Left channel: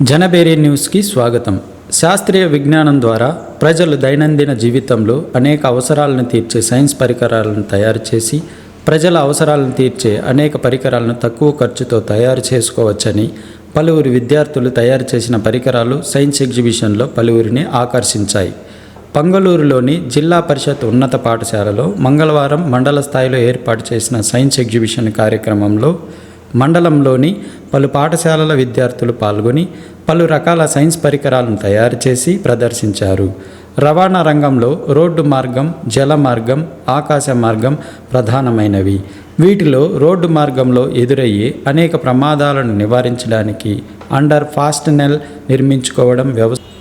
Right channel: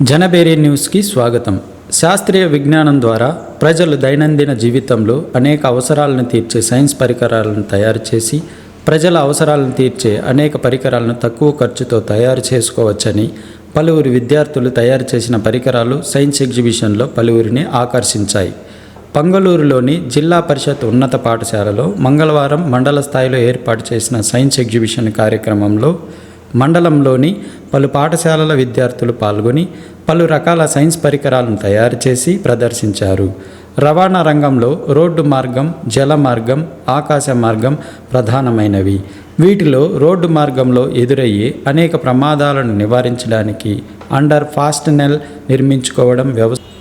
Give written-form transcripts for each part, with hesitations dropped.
జనబేరి న్యూస్కి స్వాగతం. శాస్త్రీయ విజ్ఞానం ద్వారా ప్రజలు దైనందిన జీవితంలో అనేక అవసరాలను తీర్చే సైన్స్ పరికరాలను తయారు చేసి ప్రజల అవసరాలను తీర్చే అనేక పరికరాలను తక్కువ ఖర్చుతో తయారు చేసుకోవచ్చని పలువురు విద్యార్థులు తయారు చేసిన పరికరాలు సైన్స్ ఎగ్జిబిషన్లో పలువురిని ఆకర్షించాయి. పంగళూరులోని జిల్లా పరిషత్ ఉన్నత పాఠశాలలో మంగళవారం మండల స్థాయిలో ఏర్పాటు చేసిన సైన్స్ ఎగ్జిబిషన్ కార్యక్రమంలో మండలంలోని పలు పాఠశాలల విద్యార్థులు పాల్గొని పలు రకాల సైన్స్ పరికరాలను తయారు చేసి ప్రదర్శించారు. రవాణా రంగంలో రోడ్డు మార్గం, జల మార్గం, ఆకాశ మార్గం ప్రధానమైనవి. వీటిలో రోడ్డు మార్గంలో ఎదురయ్యే అనేక ప్రమాదాలను నివారించడానికి అండర్ ఫాస్టనెల్ నిర్మించుకోవడం,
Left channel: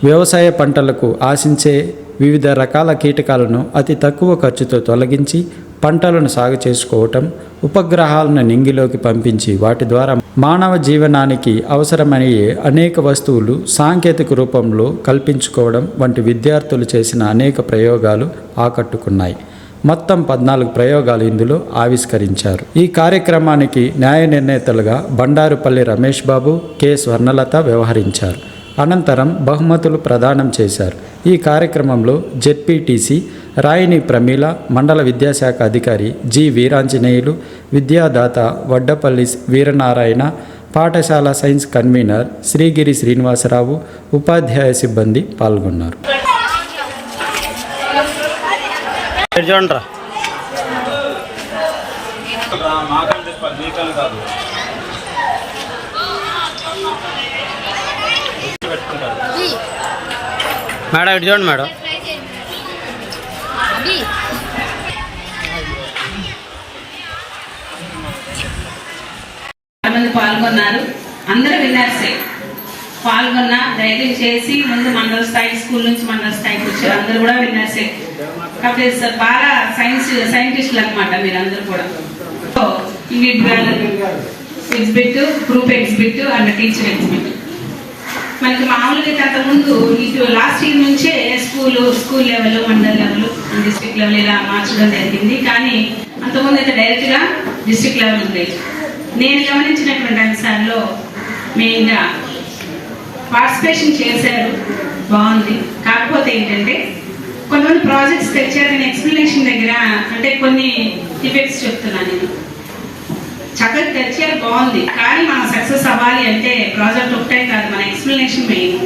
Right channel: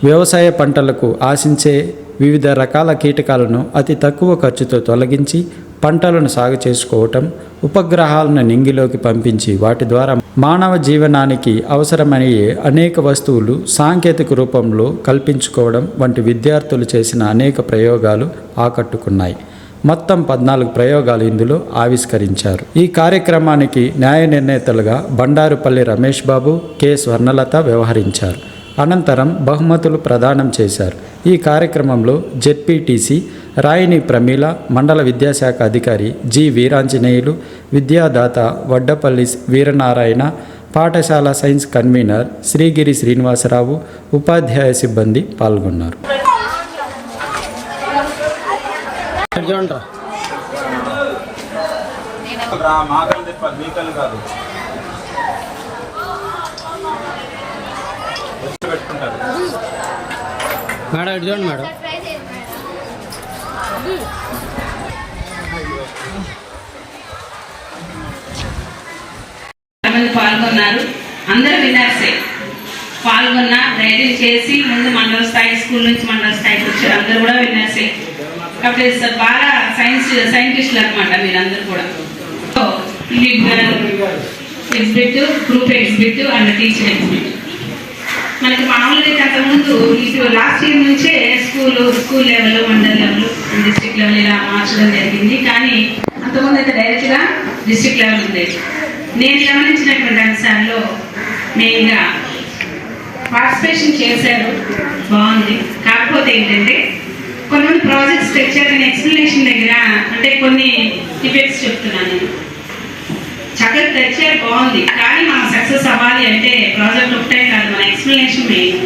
వ్యవసాయ పంటలకు ఆశించే వివిధ రకాల కీటకాలను అతి తక్కువ ఖర్చుతో తొలగించి పంటలను సాగు చేసుకోవటం, ఉపగ్రహాలను నింగిలోకి పంపించి వాటి ద్వారా మానవ జీవనానికి అవసరమయ్యే అనేక వస్తువులు సాంకేతిక రూపంలో కల్పించుకోవడం వంటి విద్యార్థులు చేసిన అనేక ప్రయోగాలు ఆకట్టుకున్నాయి. మొత్తం 14 ప్రయోగాలు ఇందులో ఆవిష్కరించారు. ఈ కార్యక్రమానికి న్యాయ నిర్ణేతలుగా బండారుపల్లి రమేష్ బాబు, కె స్వర్ణలత వ్యవహరించారు. అనంతరం బహుమతులు ప్రదానం చేశారు. ఈ కార్యక్రమంలో జెడ్పీటీసీ రాయిని ప్రమీల, మండల విద్యాశాఖ అధికారి జి వీరాంజనేయులు, విద్యాదాత వడ్డపల్లి వీరనారాయణ, పాఠశాల సైన్స్ కన్వీనర్ శ్రీగిరి శ్రీనివాసరావు, ఉపాధ్యాయ సిబ్బంది పాల్గొన్నారు. మేడం ఇటు చూడండి మేడం. మంది పాల్గొన్నారు. అందరూ విన్నర్సే. పాల్గొన్న ధైర్యం చేసి ముందు మండల స్థాయి, స్కూల్ నుంచి మండల స్థాయికి వచ్చారు. అందరూ కూడా విన్నర్సే. కాబట్టి బాగా సైంటిస్టులు అనమాట మీరందరూ కూడా. Exhibit, group exhibit and teacher exhibit. మనకి మామూలుగా అంతకుముందు ఇటు లాస్ట్ ఇయర్ నుంచే school level, mandal level, district level ఇలా మార్చడం జరిగింది. కానీ అంతకుముందు అయితే డైరెక్ట్గా డిస్ట్రిక్ట్ లెవెల్ ఉండేది. నేను గమనించినటువంటి అంశాల్లో మెయిన్గా పార్టిసిపేషన్ చేశారు, బాగుంది. కాకపోతే ఏంటంటే కొంతమంది ప్రాజెక్ట్స్ తెచ్చారు, కానీ ఎక్స్ప్లెనేషన్ దగ్గర అంటే కొన్ని డిఫెక్ట్స్ చెప్తున్నాను నేను. చక్కగా తెచ్చారు, బాగుంది. కానీ మనం సక్సెస్ అవ్వాలి అంటే ప్రాజెక్ట్ ఒకటే కాదు, మన ఎక్స్ప్లెనేషన్ మెయిన్.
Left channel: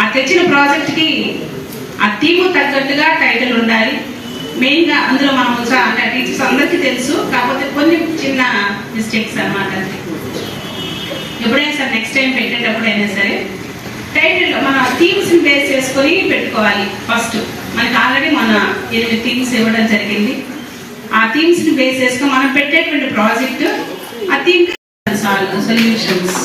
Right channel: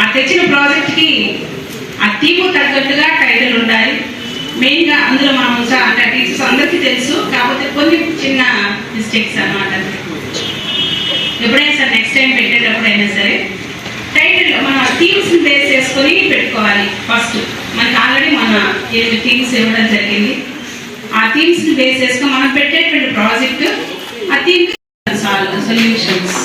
ఆ తెచ్చిన ప్రాజెక్ట్కి ఆ థీమ్ తగ్గట్టుగా టైటిల్ ఉండాలి. మెయిన్గా అందులో మనం అంటే టీచర్స్ అందరికీ తెలుసు, కాకపోతే కొన్ని చిన్న మిస్టేక్స్ అన్నమాట. ఎప్పుడైనా సరే నెక్స్ట్ టైం పెట్టేటప్పుడైనా సరే టైటిల్ మన థీమ్స్ని బేస్ చేసుకొని పెట్టుకోవాలి. ఫస్ట్ మనకి ఆల్రెడీ మన 8 థీమ్స్ ఇవ్వడం జరిగింది. ఆ థీమ్స్ని బేస్ చేసుకొని మనం పెట్టేటువంటి ప్రాజెక్ట్ ఆ థీమ్ సొల్యూషన్స్.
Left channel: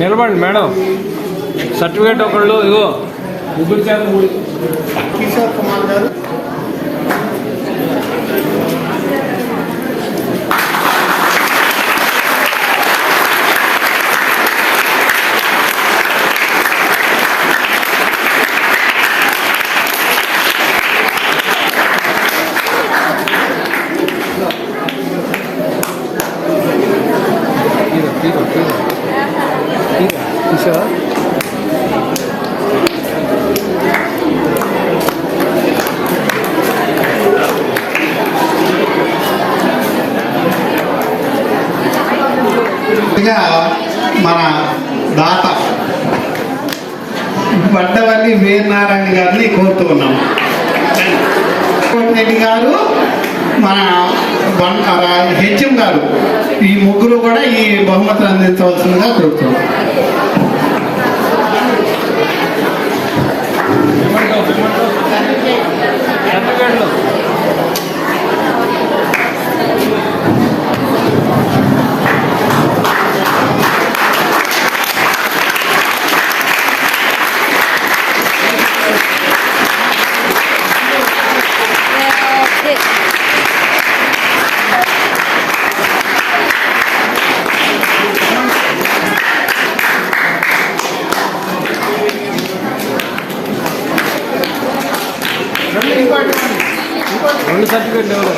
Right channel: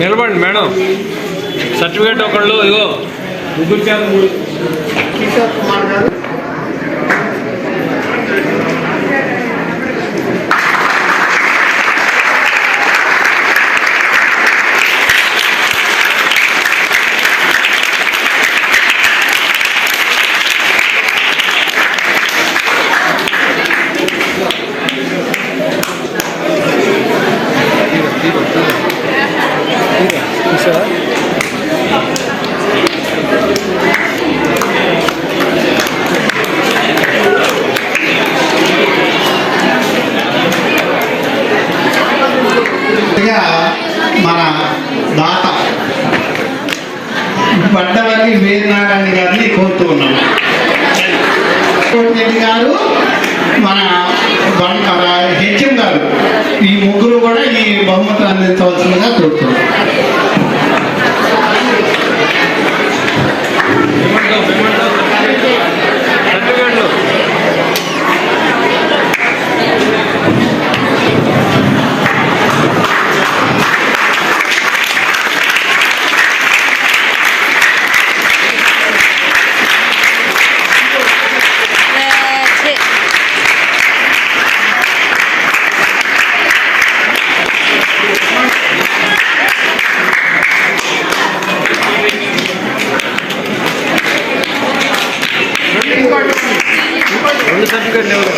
నిలబడండి మేడం. సర్టిఫికేట్ ఒకళ్ళు ఇగో కిషోర్ కుమార్ గారు, మన దాత వడ్డపల్లి వీరనారాయణ గారిని కోరుతూ ఉన్నాము. రెడ్డి గారు, మన హెచ్ఎం గారు, ఈ ముగ్గురు కూడా ఈ బహుమతులు అందించవలసిందిగా కోరుతున్నాం. సర్టిఫికేట్ లేవు.